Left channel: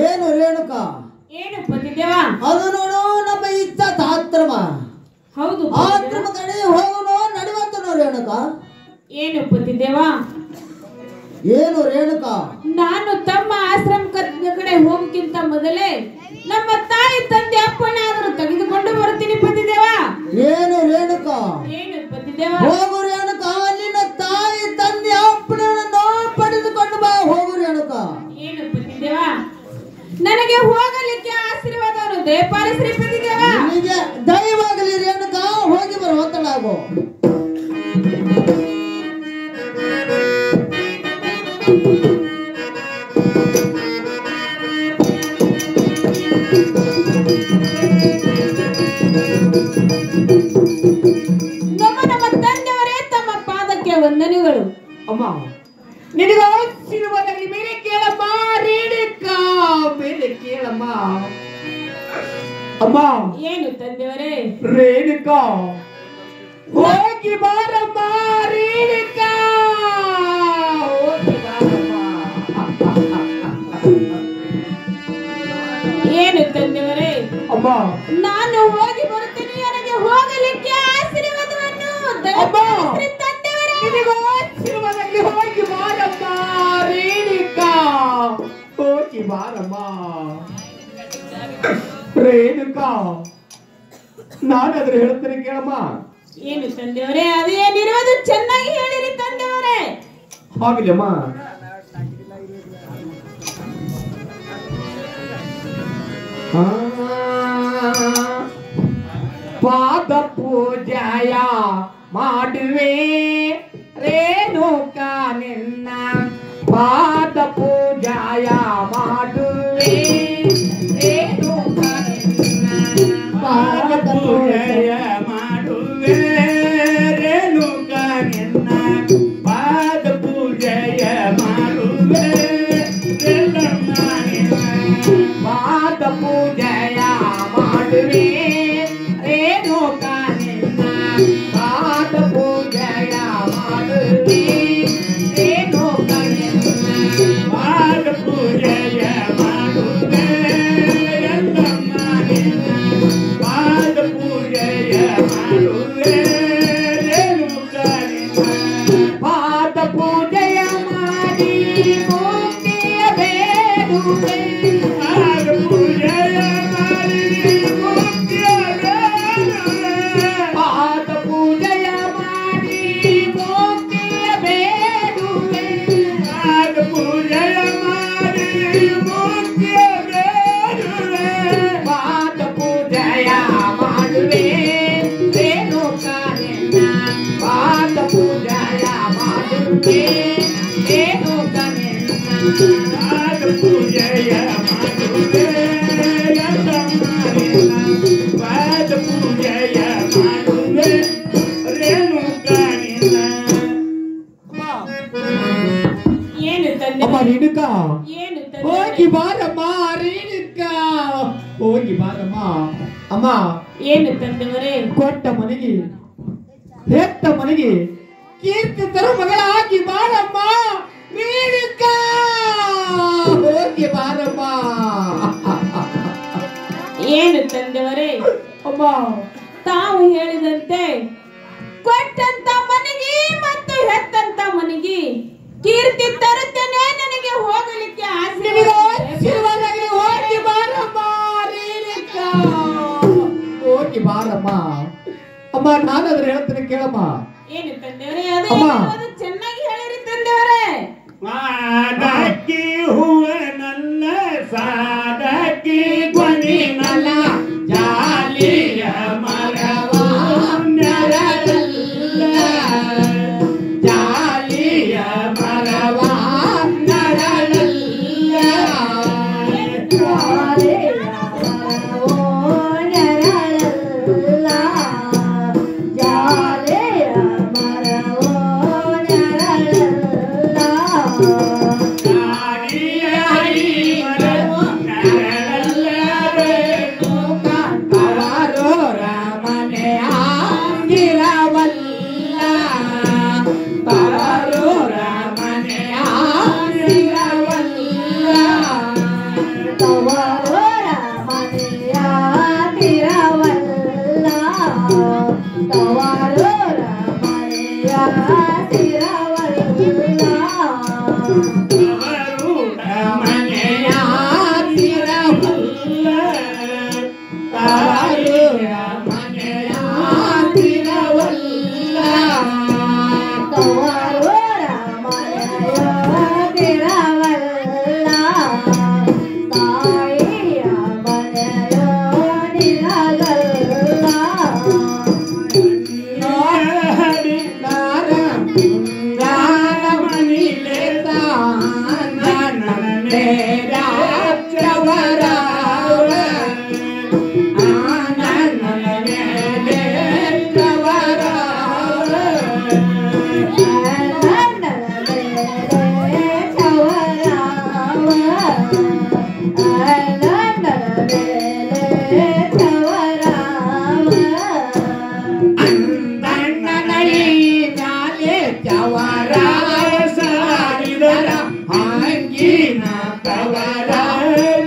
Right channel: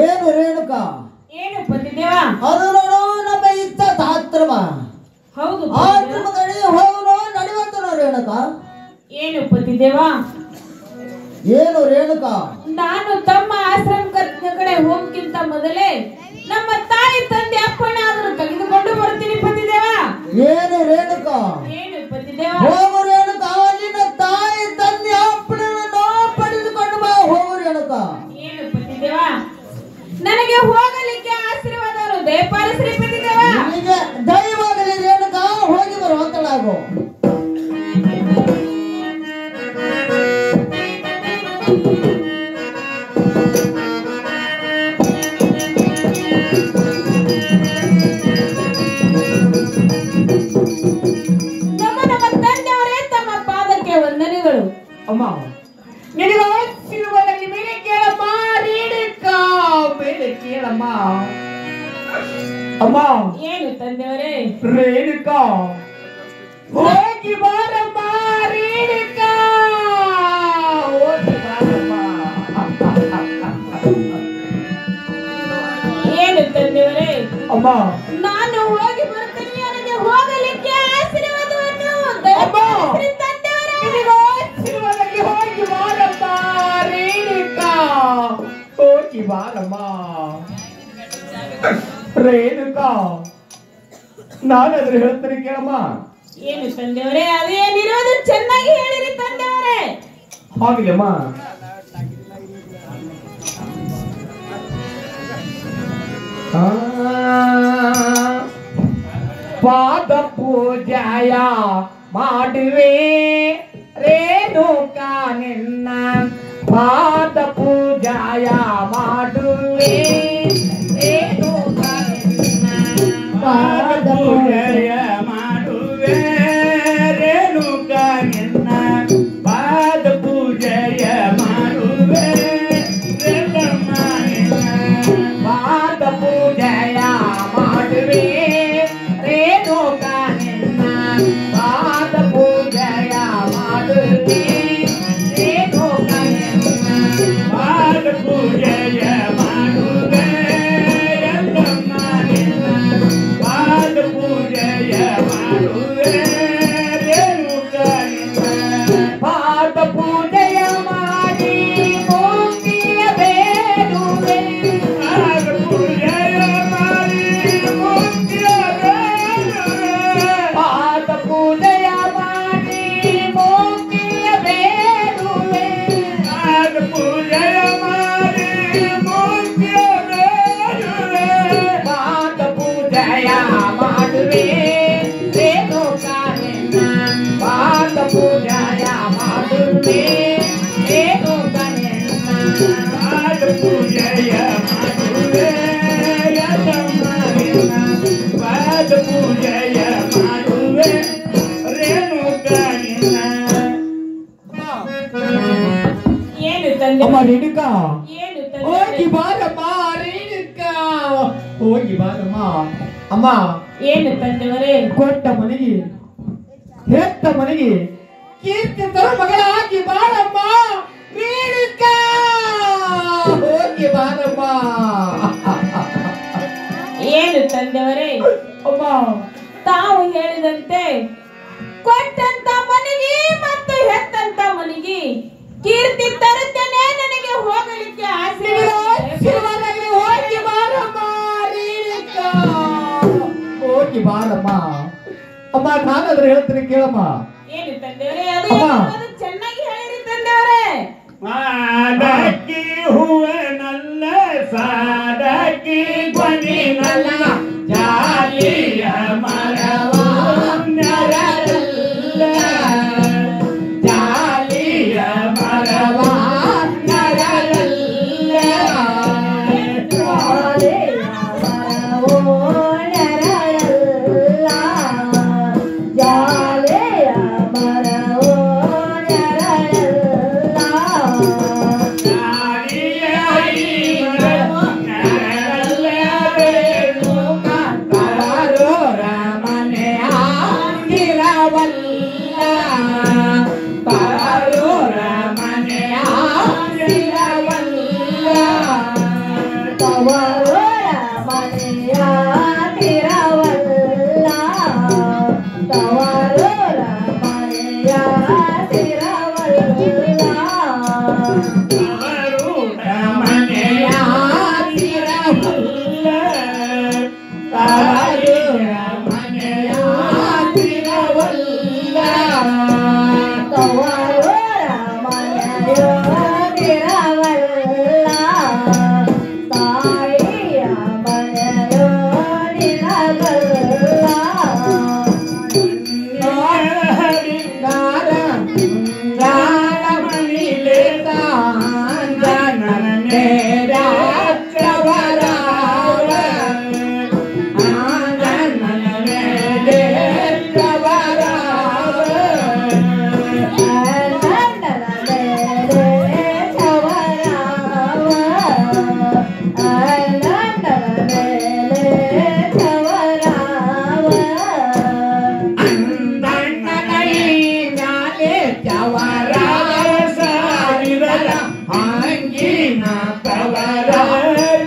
ಏನು ರೇಣುಕ ಏನು ಪತಿದೇವ ಅದು ನೋಡು ನಮ್ಮ ಇತ್ತ ತಾತ್ರಮ ಹೌದು ಆತ್ರಮ ಕಡೆ ಹೋಗುನು ನಡೆಯುವಂತನು ರೇಣುಕ ಏನು ಪತಿದೇವ ಏನು ರೇಣುಕ ನಾನು ತಮ್ಮ ಆಶ್ರಮ ಕಡೆ ಹೋಗಕ್ಕಿಂತ ಮೊದಲೇ ನಮ್ಮ ತಾಯಿ ತಂದೆ ಅಪ್ಪನ ಆದರೂ ತೆಗೆದುಕೊಂಡು ಬರ್ತೀನಿ ಪತಿದೇವ ಏನು ರೇಣುಕ ಏನು ಪತಿದೇವ ಹೋಗು ರೇಣುಕ ನಿನ್ನ ತಾಯಿ ತಂದೆ ಅಪ್ಪನನ್ನು ಪಡೆದುಕೊಂಡು ಬಾ ಹೋಗು ರೇಣುಕ ಏನು ಪತಿದೇವ ನನಗೆ ಹೋಗಲಿಕ್ಕೆ ಆಶೀರ್ವಾದವನ್ನು ದಯಪಾಲಿಸಿ ಪತಿದೇವ ನಿನಗೆ ದಯವಾಗಲಿ ರೇಣುಕ ಹೋಗಿ ಬರುವ ತಡಾಗು ನಮ್ಮ ತಂದೆಯವರೇ ತಮ್ಮ ಪಾದಕ್ಕೆ ವಂದನೆಗಳು ಅಮ್ಮ ನಿನಗೆ ಆಶೀರ್ವಾದದಲ್ಲಿ ಮೇಲೆ ಕೇಳಮ್ಮ ರೇಣುಕ ಮೇಲೆ ಕೇಳಮ್ಮ ಅಮ್ಮ ಏನು ತಂದೆಯವರೇ ರೇಣುಕ ಹೋಗಿ ಬಾರಮ್ಮ ರೇಣುಕ ಹೋಗಿ ಬಾರಮ್ಮ ಏನು ತಂದೆಯವರೇ ಅಮ್ಮ ನಾನು ಹೋಗಿ ಬರ್ತೀನಿ ನನಗೆ ಹೋಗಲಿಕ್ಕೆ ಆಶೀರ್ವಾದವನ್ನು ದಯಪಾಲಿಸಿ ತಂದೆಯವರೇ ನಿನಗೆ ಆಶೀರ್ವಾದದಲ್ಲಿ ಹೋಗಿ ಬಾರಮ್ಮ ರೇಣುಕ ಹೋಗಿ ಬಾರಮ್ಮ ರೇಣುಕ ನಾನಾದ್ರೆ ಹೇಳ್ತೀನಿ ಕೇಳಮ್ಮ ಏನು ತಂದೆಯವರೇ ಅದೇನಿರೋದು ಚೆನ್ನಾಗಿ ಹೇಳಿರಿ ತಂದೆಯವರೇ ಆಗಿಲ್ಲಮ್ಮ ಪಾದ ಪೂಜಾಯ ಮಾಡುವೆ ರೇಣುಕ ನಿನ್ನ ಪಾದ ಪೂಜಾಯ ಮಾಡುವೆ ರೇಣುಕ ನಿನ್ನ ಪಾದ ಪೂಜಾಯ ಮಾಡುವೆ ರೇಣುಕ ನಿನ್ನ ಪಾದ ಪೂಜಾಯ ಮಾಡುವೆ ರೇಣುಕ ನಿನ್ನ ಪಾದ ಪೂಜಾಯ ಮಾಡುವೆ ರೇಣುಕ ನಿನ್ನ ಪಾದ ಪೂಜಾಯ ಮಾಡುವೆ ರೇಣುಕ ನಿನ್ನ ಪಾದ ಪೂಜಾಯ ಮಾಡುವೆ ರೇಣುಕ ನಿನ್ನ ಪಾದ ಪೂಜಾಯ ಮಾಡುವೆ ರೇಣುಕ ನಿನ್ನ ಪಾದ ಪೂಜೆಯ ಮಾಡಿ ಮುಕ್ತಿಯ ಬೇಡುವೆ ಪಾದ ಪೂಜೆಯ ಮಾಡಿ ಮುಕ್ತಿಯ ಬೇಡುವೆ ಪಾದ ಪೂಜೆಯ ಮಾಡಿ ಮುಕ್ತಿಯ ಬೇಡುವೆ ಪಾದ ಪೂಜೆಯ ಮಾಡಿ ಮುಕ್ತಿಯ ಬೇಡುವೆ ಪಾದ ಪೂಜೆಯ ಮಾಡುವೆ ರೇಣುಕ ನಿನ್ನ ಪಾದ ಪೂಜೆಯ ಮಾಡುವೆ ರೇಣುಕ ನಿನ್ನ ಪಾದ ಪೂಜೆಯ ಮಾಡುವೆ ರೇಣುಕ ನಿನ್ನ ಪಾದ ಪೂಜೆಯ ಮಾಡುವೆ ರೇಣುಕ ನಿನ್ನ ಏನು ಅಮ್ಮ ತಂದೆ ರೇಣುಕ ಏನು ಹೋಗಿ ತಂದೆ ಬಾರಮ್ಮ ರೇಣುಕ ಹೋಗಿ ಬಾರಮ್ಮ ಅಮ್ಮ ಏನು ತಂದೆಯವರೇ ಕೊಟ್ಟ ಮನೆಗೆ ಹೆತ್ತ ಮನೆಗೆ ಕೀರ್ತಿ ತರೋ ಮಗಳಾಗಿ ಬಾರಮ್ಮ ರೇಣುಕ ಹೋಗಿ ಬಾರಮ್ಮ ಏನು ತಂದೆಯವರೇ ಅಮ್ಮ ತಾವು ಹೇಳಿದಂತೆ ಕೊಟ್ಟಂತ ಮನೆಗೆ ಮತ್ತು ಹೆತ್ತಂತ ಮನೆಗೆ ಕೀರ್ತಿ ತರುತ್ತೇನೆ ನನಗೆ ಹೋಗಲಿಕ್ಕೆ ನಿನಗೆ ಆಶೀರ್ವಾದ ಆಶೀರ್ವಾದದಲ್ಲಿ ಹೋಗಿ ಬಾರಮ್ಮ ರೇಣುಕ ಹೋಗಿ ಬಾರಮ್ಮ ಅಮ್ಮ ನಾನಾದ್ರೆ ಹೇಳ್ತೀನಿ ಕೇಳಮ್ಮ ಏನು ತಂದೆಯವರೇ ಅಮ್ಮ. ಅದು ಚೆನ್ನಾಗಿ ಹೇಳಿರಿ ತಂದೆಯವರೇ ಸಾಡಕಿ ಹೂವನಲ್ಲ ಸಾಡಕಿ ಧ್ವನಿನಲ್ಲ ಜಾಲಿಯ ಮರವ ನರಲ್ಲ ಜಾಲಿಯ ಮರವ ನರಲ್ಲ ಜಾಲಿಯ ಮರವೋ ನರಲ್ಲ ಜಾಲಿಯ ಮರವೋ ನರಲ್ಲ ತವರ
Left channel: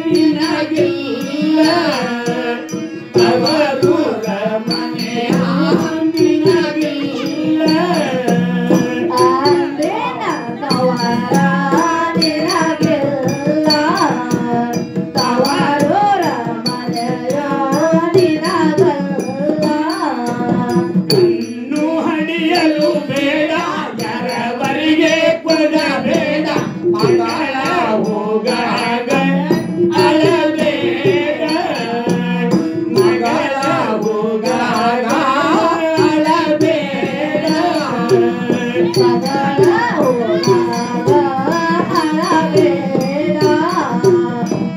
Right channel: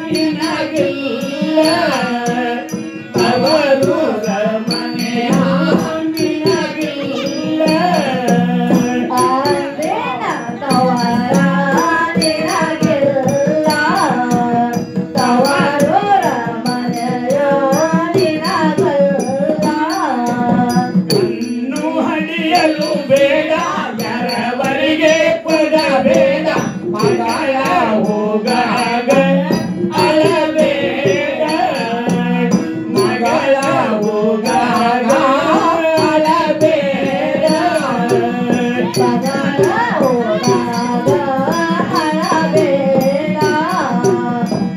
ನಿನಗಿಲ್ಲ ತವರೂರ ಮನೆಯ ನಿನಗಿಲ್ಲ ಅಂದೇನ ತವರ ನಿನಗಿಲ್ಲ ತವರೂರ ಮನೆಯ ನಿನಗಿಲ್ಲ ಕಣ್ಣು ಹಡಿಯಲು ಬೇಡ ಯಾರವರಿಗೆ ಕೊಡಬೇಡ ಮಗಳ ಹೋಗಾಗ ಅಳಬೇಡ ಮಗಳ ಹೋಗಾಗ ಅಳಬೇಡ ಮಗಳ ಹೋದಾಗ ಅಳಬೇಡ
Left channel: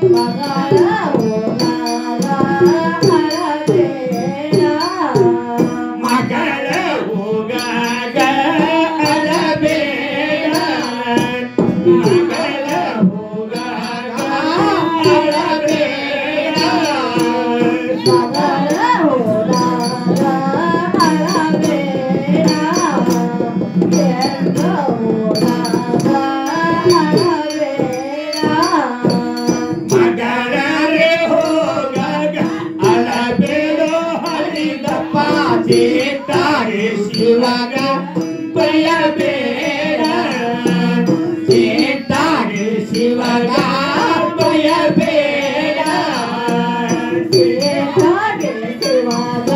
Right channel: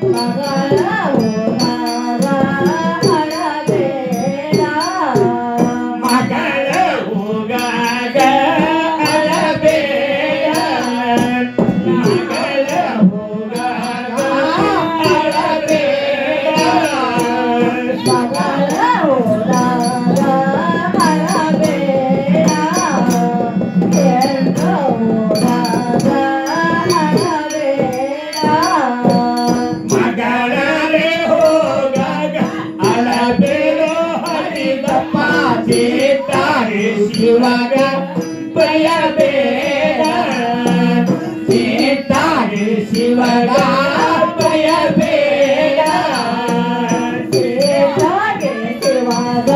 ಮಗಳ ಹೋದಾಗ ಅಳಬೇಡ ಮಗಳ ಹೋಗಾಗ ಅಳಬೇಡ ಮಗಳ ಹೋಗಾಗ ಅಳಬೇಡ ಮಗಳ ಹೋದಾಗ ಅಳಬೇಡ ಹೆಣ್ಣು ಹೋದಾಗ ಅಳಬೇಡ ಮಗಳೇ ಹೋಗಾಗ ಅಳಬೇಡೋ ಹರಿದಪ್ಪ ಸೀತಾಗೆ ಶಿವಗ ಬಯಬೇಡ ಸೀತಾಗೆ ಶಿವಗ ಬಯಬೇಡ ಸೀತಾಗೆ ಶಿವಗ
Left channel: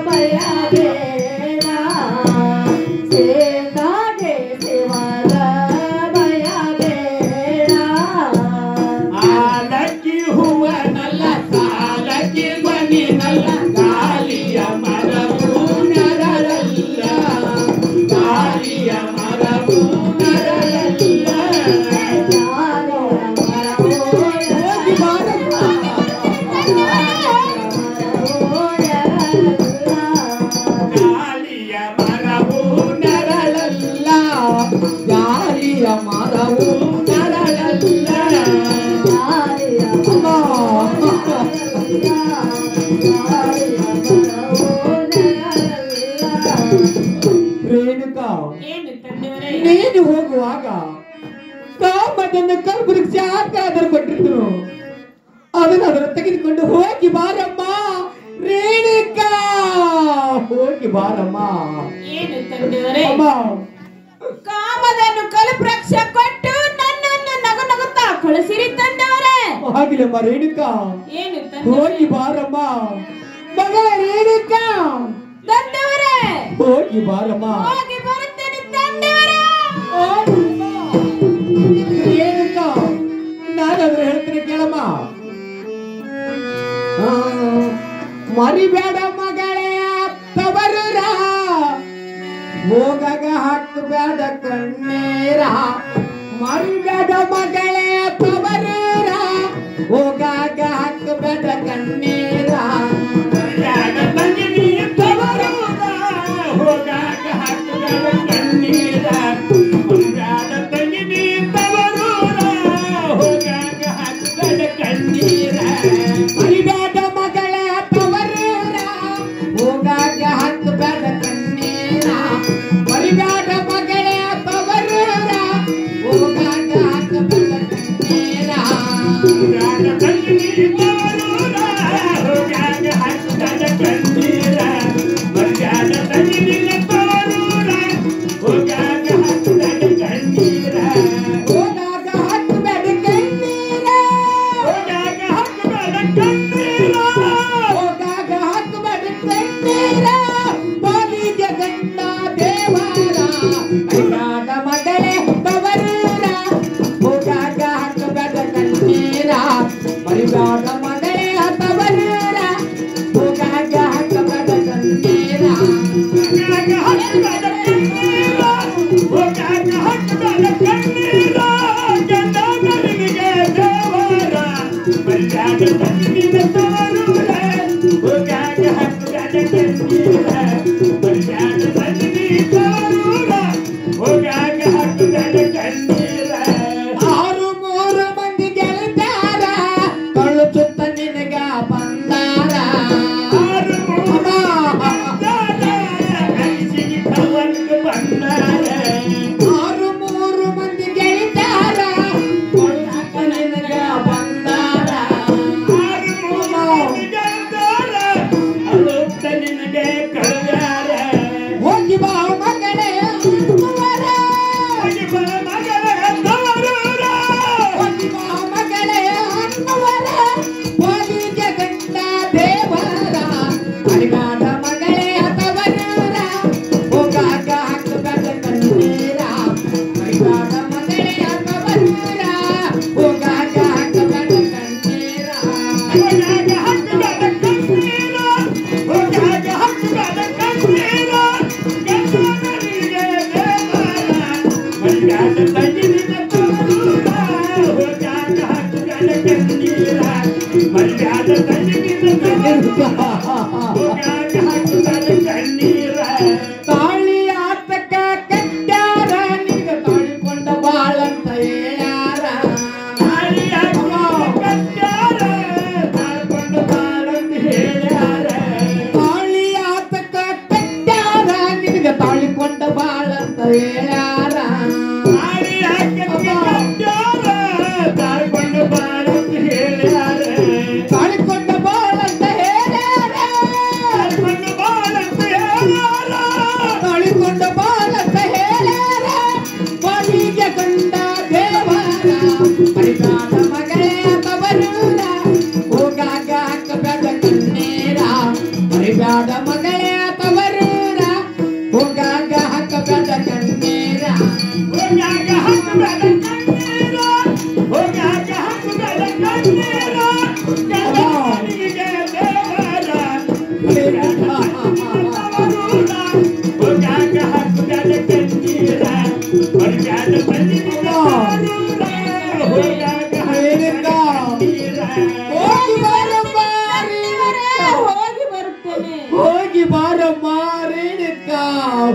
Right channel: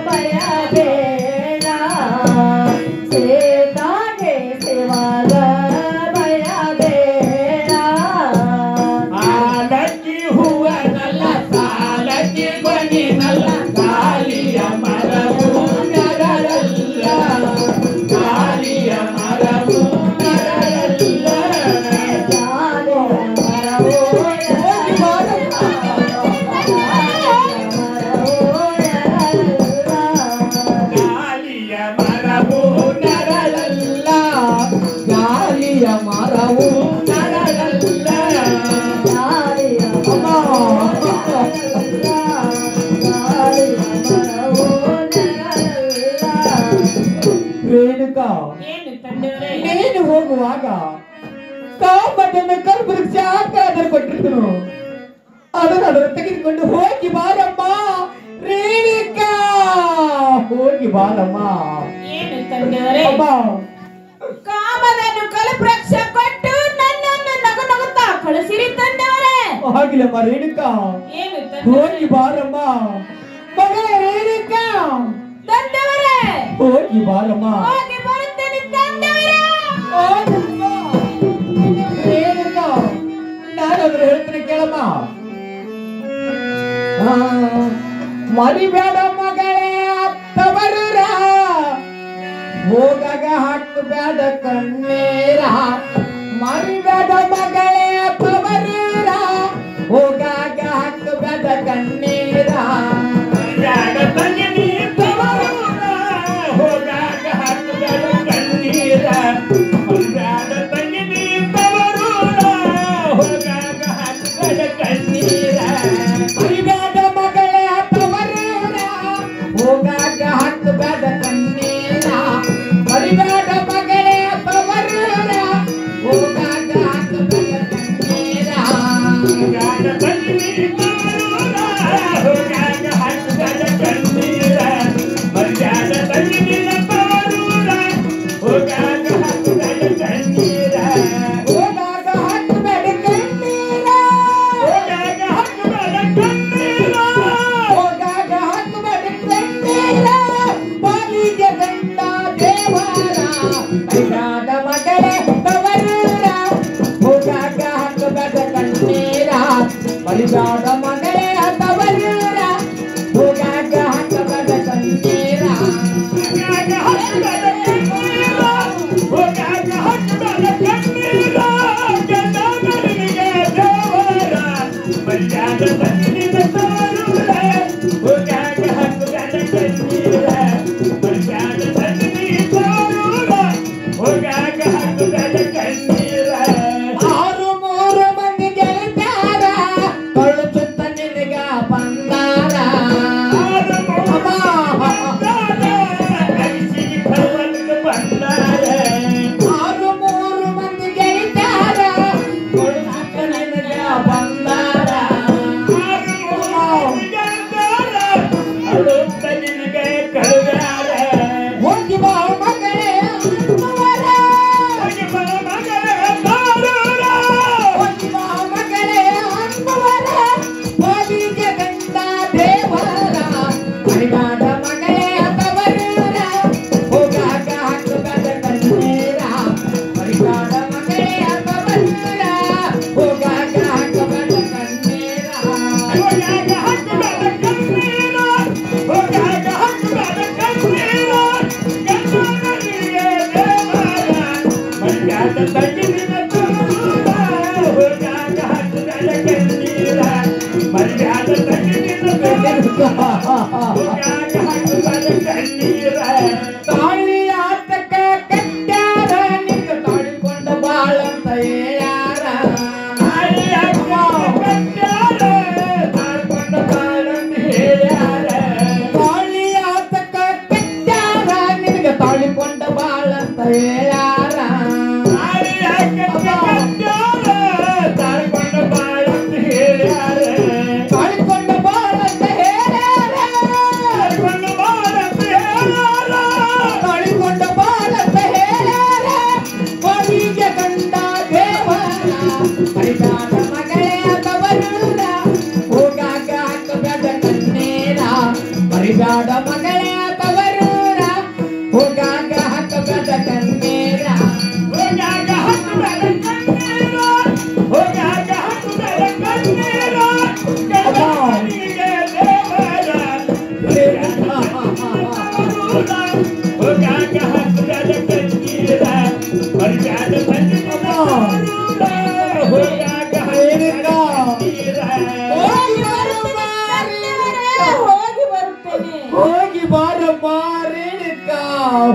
ಬಯಬೇಡ ಸೀತಾಗೆ ಶಿವಗ ಬಯಬೇಡ ಆಲಕ್ಕಿ ಹೂವನಲ್ಲ ಸಾಲಕ್ಕಿ ಬನಿನಲ್ಲ ಗಾಳಿಯ ಮರವು ನರಳಲ್ಲ ಗಾಳಿಯ ಮರವು ನರಳಲ್ಲ ಗಾಳಿಯ ಮರವು ನರಳಲ್ಲ ಗಾಳಿಯ ಮರವು ನರಳಲ್ಲ ರೇಣುಕಾ ಏನು ತಂದೆಯವರೇ ನೀನು ಹೋಗುವಾಗ ಕಾಮದನ್ನು ಕಲ್ಪವೃಕ್ಷ ಅದನ್ನು ಕೊಟ್ಟಿದ್ರು ಅದನ್ನು ತೆಗೆದುಕೊಂಡು ಹೋಗಿ ಬಾರಮ್ಮ ರೇಣುಕಾ ಹೋಗಿ ಬಾರಮ್ಮ ಏನು ತಂದೆಯವರೇ ಅಮ್ಮ ಕಾಮದನ್ನು ಕಲುಪ್ರಕ್ಷ ಕೊಟ್ಟು ನನ್ನನ್ನು ನಗು ನಗುತ್ತಾ ಕಳಿಸಿರಿ ತಂದೆಯವರೇ ಆಗಿಲ್ಲಮ್ಮ ರೇಣುಕಾ ಏನು ಹೋಗಿ ತಂದೆಯವರೇ ಬಾರಮ್ಮ ಮಗಳ ರೇಣುಕಾ ತಂದೆಯವರೇ ಹೋಗಿ ಬಾರಮ್ಮ ಹೋಗಿ ಬರುತ್ತೇನೆ ತಂದೆಯವರೇ ಹೋಗಮ್ಮ. ರೇಣುಕಾ ನಾನಂದ್ರೆ ಹೇಳ್ತೀನಿ ಕೇಳಮ್ಮ ಮರಿಬೇಡ ಮಗಳೇ ತವರೂರ ಹೋಗಾಗ ಹಾಕಬೇಡ ಕಣ್ಣೀರ ಮರಿಬೇಡ ಮಗಳೇ ತವರೂರ ಹೋಗಾಗ ಹಾಕಬೇಡ ಕಣ್ಣೀರ ಮರ್ಯಾದ ತಂಗಿನಿ ತವರೂರ ಹೋಗಾಗ ಹಾಕಬೇಡ ಕಣ್ಣೀರ ಮರ್ಯಾದ ತಂಗಿನಿ ತವರೂರ ಹೋಗಾಗ ಹಾಕಬೇಡ ಕಣ್ಣೀರ ಮರಿಬೇಡ ಮಗಳೇ ತವರೂರ ಹೋಗಾಗ ಹಾಕಬೇಡ ಕಣ್ಣೀರ ಮರಿಬೇಡ ಮಗಳೇ ತವರೂರ ಹೋಗಾಗ ಹಾಕಬೇಡ ಕಣ್ಣೀರ ಮರ್ಯಾದ ತಂಗಿನಿ ತವರೂರ ಹೋಗಾಗ ಹಾಕಬೇಡ ಕಣ್ಣೀರ ಮರ್ಯಾದ ತಂಗಿನಿ ತವರೂರ ಹೋಗಾಗ ಹಾಕಬೇಡ ಕಣ್ಣೀರ ಹೋಗಾಗ ಹಾಕಬೇಡ ಕಣ್ಣೀರ ಹೋಗಾಗ ಹಾಕಬೇಡ ಕಣ್ಣೀರ ಹೋಗಾಗ ಹಾಕಬೇಡ ಕಣ್ಣೀರ ಮಾಗಿದ ಗಂಡ ದೇವರ ಕೈಯಾದ ಮಗಳೇ ತವರೂರ ಹೋಗಾಗ ಹಾಕಬೇಡ ಕಣ್ಣೀರ ಬಲಿದಾದ ಮಗಳೇ ತವರೂರ ಹೋಗಾಗ ಹಾಕಬೇಡ ಕಣ್ಣೀರ ಹೋಗಾಗ ಹಾಕಬೇಡ ಕಣ್ಣೀರ ಹೋಗಾಗ ಹಾಕಬೇಡ ಕಣ್ಣೀರ ಗಂಡನಿಗೆ ದೇವರ ಮರ್ಯಾದ ತಂಗಿನಿ ತವರೂರ ಹೋಗಾಗ ಹಾಕಬೇಡ ಕಣ್ಣೀರ ಮರ್ಯಾದ ತಂಗಿನಿ ತವರೂರ ಹೋಗಾಗ ಹಾಕಬೇಡ ಕಣ್ಣೀರ ಆರು ಮೂರು ಮಂದಿ ಗೆಲ್ತಾರ ಕಳುಚುತ್ತ ನಿನಗ ಬಂದಾರ ಆರು ಮೂರು ಮಂದಿ ಗೆಲ್ತಾರ ಕಳುಚುತ್ತ ನಿನಗ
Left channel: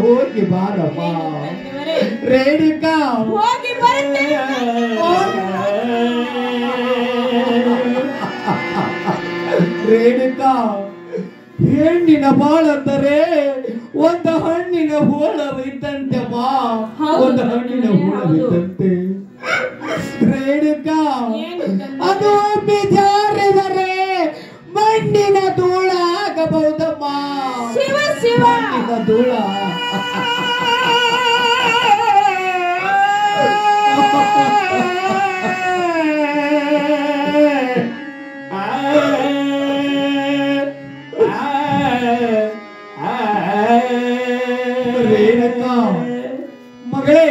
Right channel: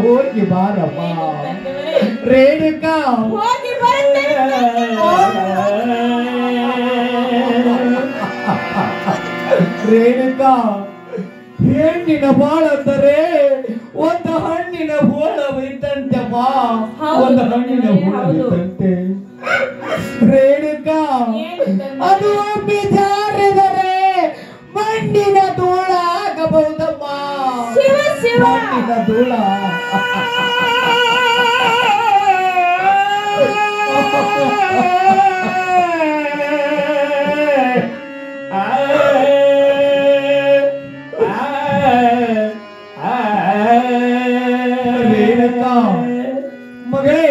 ಹೋಗಿ ಬಾರಮ್ಮ ರೇಣುಕಾ ರೇಣುಕಾ ಹೆಣ್ಣಿನ ಬಾಳಂದರೆ ಒಂದು ಹಣ್ಣಿನ ಬೋಳವಿದ್ದಂತೆಮ್ಮ ಒಂದು ಹಣ್ಣಿನ ಬೋಳವಿದ್ದಂತೆ ರೇಣುಕಾ ಅದು ಬಿಜಾರಿದರೆ ಮಣ್ಣಿನ ಧೂಳಾಗಬಹುದಮ್ಮ ಮಣ್ಣಿನ ಧೂಳ ರೇಣುಕಾ ಮಗಳೇ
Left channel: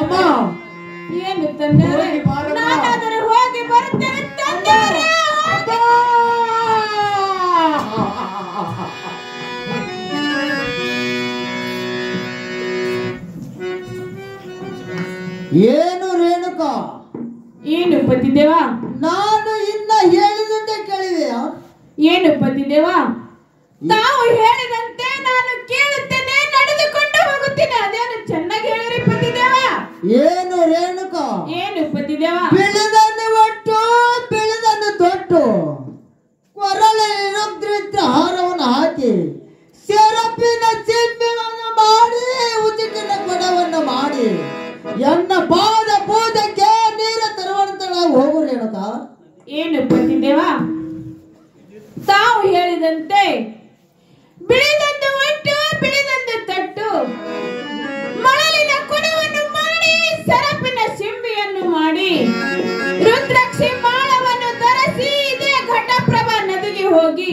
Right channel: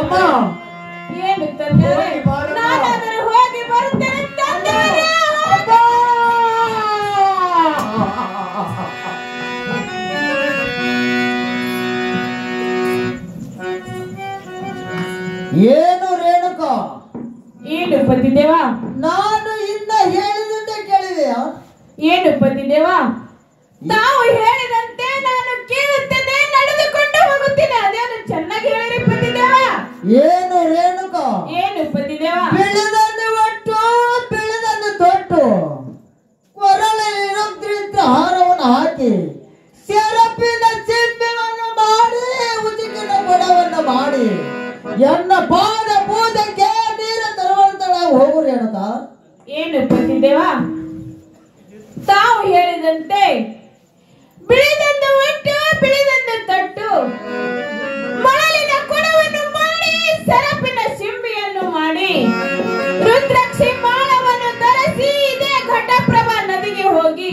ಅಮ್ಮ ಏನು ತಂದರೆ ನಾನಾದರೂ ಹೋಗಿ ಬರುತ್ತೇನೆ ತಂದರೆ. ಏನು ರೇಣುಕಾ? ಏನು ಪತಿದೇವ? ನಾನು ಇನ್ನ ಹೇಳಿದಂತೆ ಕೇಳಿದೆಯಾ? ಏನು ಪತಿದೇವ? ತಾವು ಹೇಳಿದಂತೆ ನಾನು ಕೇಳುತ್ತೇನೆ, ನಡೆದುಕೊಂಡು ಹೋಗುತ್ತೇನೆ. ಅದೇನು ಚೆನ್ನಾಗಿ ಹೇಳಿರಿ ಪತಿದೇವ. ಏನು ರೇಣುಕಾ? ಏನು ಪತಿದೇವ? ಬೆಳೆದನ್ನು ಒಟ್ಟು ಬೆಳೆದನ್ನು ತೊಟ್ಟು ಕೊರಳಿನ ಹಾರವನ್ನು ಹಾಕಿ ಸೆರಪಿನ ಚಿನ್ನವನ್ನು ಮಾಡಿ ಉಚಿಕಿನ ಕೊಡವನ್ನು ಮಾಡಿ ಎನ್ನ ಪಾದ ಪೂಜೆಗೆ ನೀರ ತರುವಂತಳ ಹೋಗು ರೇಣುಕಾ. ಏನು ಪತಿದೇವ? ತಾವು ಹೇಳಿದಂತೆ ಬೆಳೆದಂದು ಒಟ್ಟು ಬೆಳೆದಂದು ತಟ್ಟು ಮರಳಿನ ಕೊಡವನ್ನು ಮಾಡಿ ಸರಪಿನ ಸಿಂಬಿಯನ್ನು ಮಾಡಿ ರುದ್ರಾಕ್ಷಿ ಮಾಳವನ್ನು ಧರಿಸಿ ಇದೇ ಘಟಪ್ರಭಾ ನದಿಗೆ ಹೋಗಿ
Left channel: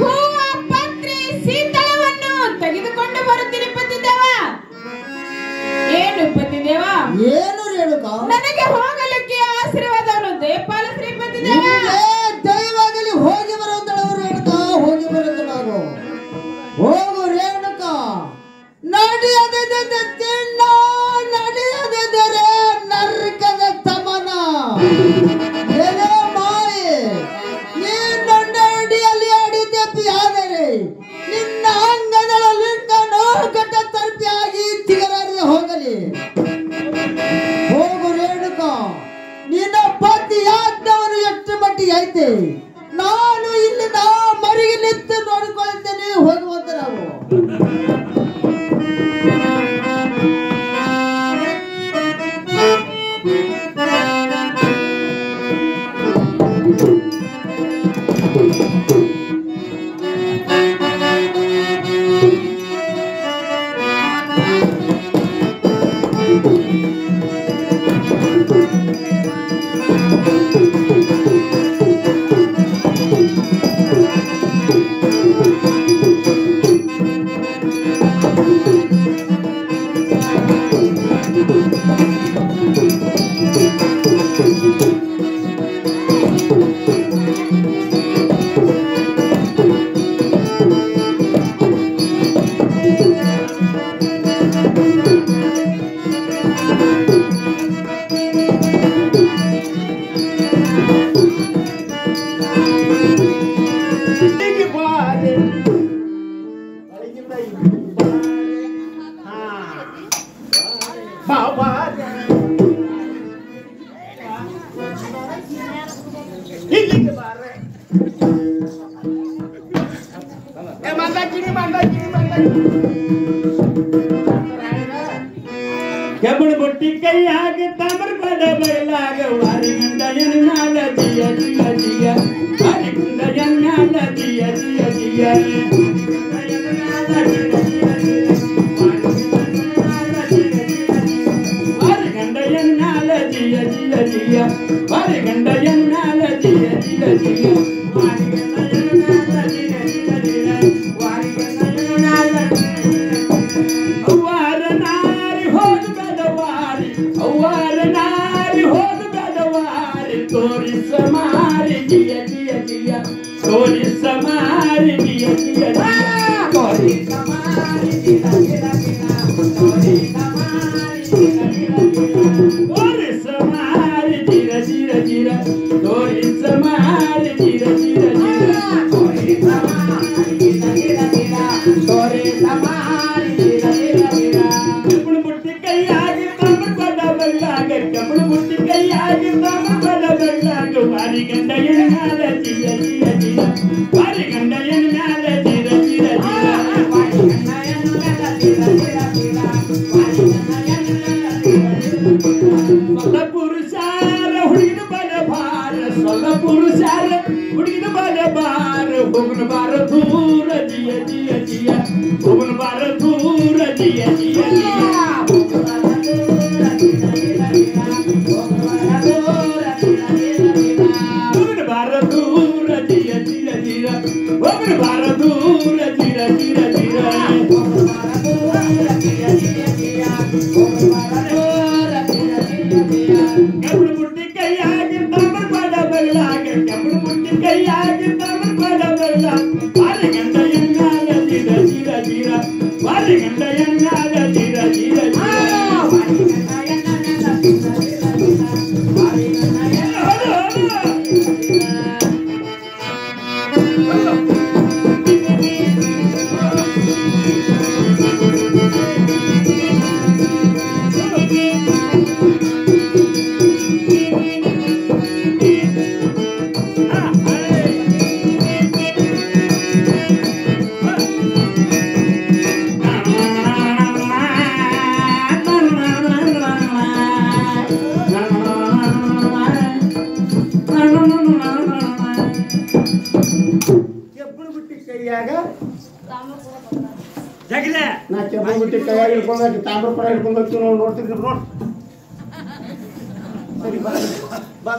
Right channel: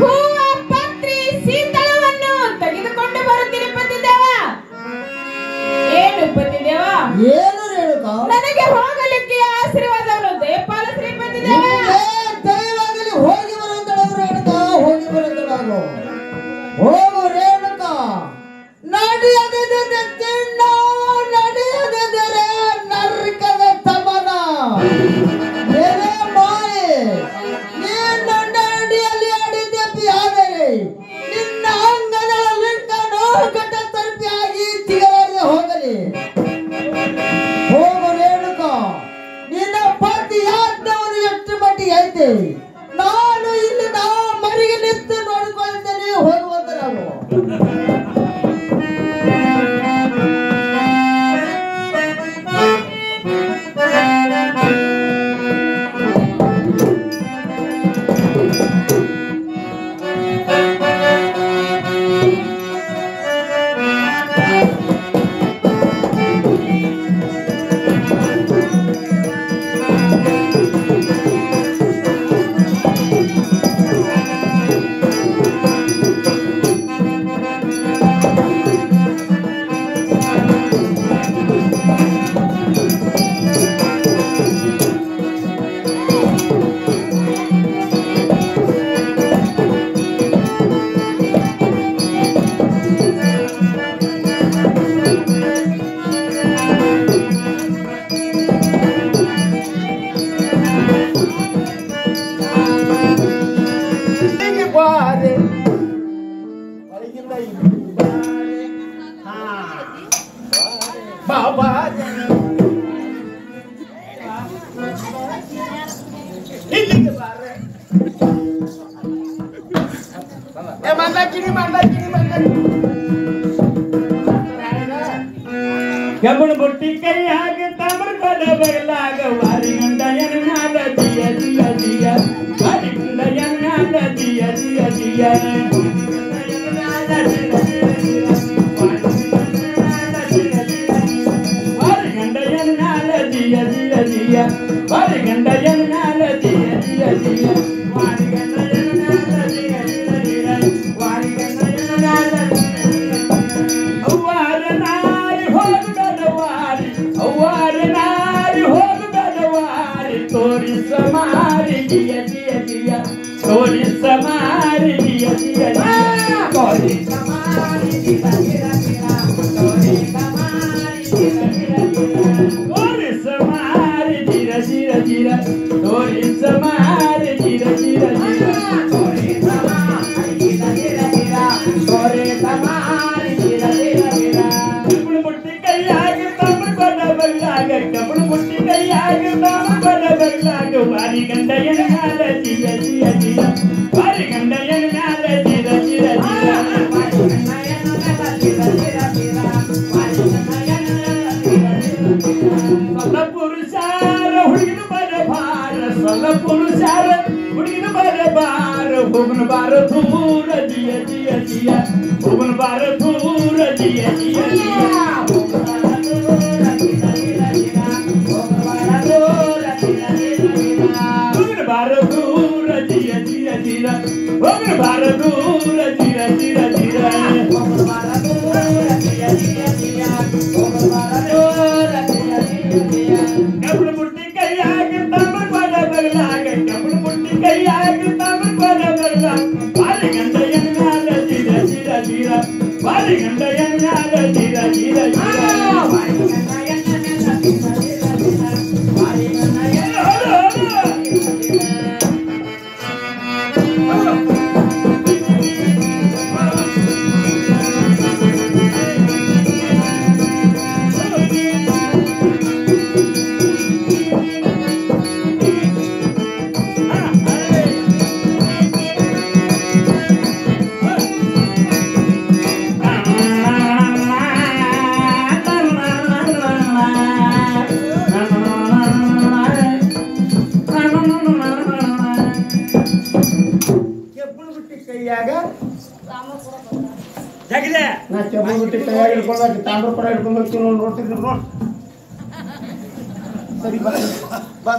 ಹೂವ ಪತ್ರಿ ಸೀತಳವನ್ನು ತೆಗೆದುಕೊಂಡು ಬರುತ್ತೀನಿ ಪತಿದೇವ. ಏನು ಪತಿದೇವ? ಏನು ರೇಣುಕಾ? ನನಗೆ ಹೋಗಲಿಕ್ಕೆ ಆಶೀರ್ವಾದವನ್ನು ದಯಪಾಲ ಶ್ರೀ ಪತಿದೇವ. ದಯವಾಗಲಿ ಹೋಗಿ ಬರುವಂತಳವು ರೇಣುಕಾ, ಹೋಗಿ ಬರುವಂತಳವು ಹೋಗು ರೇಣುಕಾ. ನಡೆಯದಿದ್ದರೆ ತಿನ್ನ, ನಡೆಯದಿದ್ದರೆ ನರಕದ ತಮನ. ಏನೇ ಮಾಯೆ, ನೀನು ನನ್ನ ಅಡಿಯಲ್ಲಿ ಅಡಿದೆಪ್ಪಿಯಾದರೆ ನಿನ್ನ ಅಂಗಗಳ ಲಿಂಗ ನೋವುಗಟ್ಟ ತರ್ಪಿಯಾಗಿ ತಿಗಲಲ್ಲಿ ಹೋಗಲಿ. ಹೋಗು ರೇಣುಕಾ, ನಿನ್ನ ಪತಿ ಯಾಜ್ಞವನ್ನು ಎಷ್ಟು ಮಟ್ಟಿಗೆ ಐತೆ ನಾನು ಇಲ್ಲಿಂದ ಮರಿಗೆ ನಿಂತು ನೋಡಿಕೊಳ್ತೇನೆ. ಹೋಗುವಂತ ನಾವು ಕಬ್ಬಣ ಬುಟ್ಟಿ ಕೈಯಾಗ ತಾಮ್ರ ಪದ ಬರಲಾಗ ವಾರಿಗಂಡಯನ ನಾಗ ದಿಯ ದಿಯ ದಿಯ ವಾರಿಗಂಡಯನ ನಾಗ ದಿಯ ದಿಯ ದಿಯ ವಾರಿಗಂಡಯನ ನಾಗ ದಿಯ ದಿಯ ದಿಯ ವಾರಿಗಂಡಯನ ನಾಗ ದಿಯ ದಿಯ ದಿಯ ವಾರಿಗಂಡಯನ ನಾಗ ದಿಯ ದಿಯ ದಿಯ ವಾರಿಗಂಡಯನ ನಾಗ ಅವ್ವಾರ ನಾರಿ ಹೋದ ತೋರಿ ಸಮಾರಿ ಜಿಯ ಜಿಯ ಜಿಯ ತೋರಿ ಸಮಾರಿ ಜಿಯ ಜಿಯ ಜಿಯ ತೋರಿ ಸಮಾರಿ ಜಿಯ ಜಿಯ ಜಿಯ ತೋರಿ ಸಮಾರಿ ಜಿಯ ಜಿಯ ಜಿಯ ತೋರಿ ಸಮಾರಿ ಜಿಯ ಜಿಯ ಜಿಯ ತೋರಿ ಸಮಾರಿ ಜಿಯ ಜಿಯ ಜಿಯ ತೋರಿ ಸಮಾರಿ ಜಿಯ ಜಿಯ ಜಿಯ ತೋರಿ ಸಮಾರಿ ಜಿಯ ಜಿಯ ಜಿಯ ಕಮಲು ಮುಟ್ಟಿ ಕೈಯಾಗಿ ತಮ್ಮ ಬಲ್ಲಾಗ ಕಮಲು ಮುಟ್ಟಿ ಕೈಯಾಗಿ ತಮ್ಮ ಬಲ್ಲಾಗ ಬಾರಿ ಗಂಡ ಎನ್ನಾದ ಜಿಯ ಜಿಯ ಜಿಯ ಬಾರಿ ಗಂಡ ಎನ್ನಾದ ಜಿಯ ಜಿಯ ಜಿಯ ಬಾರಿ ಗಂಡ ಎನ್ನಾದ ಜಿಯ ಜಿಯ ಜಿಯ ಬಾರಿ ಗಂಡ ಎನ್ನಾದ ಜಿಯ ಜಿಯ ಸಲ ಪುರುಷಾರ ಹುಡುಗಿನ ಬಲ ಭಾರ ಸಲ ಪುರುಷಾರ ಹುಡುಗಿನ ಬಲ ಭಾರ ಹೋಗನ ಬಾರ ದೂರ ಜಿಯ ಜಿಯ ಜಿಯ ಹೋಗನ ಬಾರ ದೂರ ಜಿಯ ಜಿಯ ಜಿಯ ಕಬ್ಬು ಮುಟ್ಟಿ ಕೈಯಾಗಿ ತಮ್ಮ ಬಲ ಬರಲಾಗ ಕಬ್ಬು ಮುಟ್ಟಿ ಕೈಯಾಗಿ ತಮ್ಮ ಬಲ ಬರಲಾಗ ಬಾರಿ ಗಂಡ ಎನ್ನಾದ ಜಿರ ಜಿರ ಜಿರ ಬಾರಿ ಗಂಡ ಎನ್ನಾದ ಜಿರ ಜಿರ ಜಿರ ಬಾರಿ ಗಂಡ ಎನ್ನಾದ ಜಿರ ಜಿರ ಜಿರ ಬಾರಿ ಗಂಡ ಜಗಿದೆ ನಾ ಕೆಬ್ಬು ಬಿಟ್ಟು ಕೈಯಾಗಿ ಹಿಡ್ಕೊಂಡು ತಾಮ್ರ ಪಡ ಹಿಡ್ಕೊಂಡು ಹೋಗ್ತೀನಿ ನೋಡ್ತಿದ್ರು ನೋಡಿ ಸರಿ ಬಾ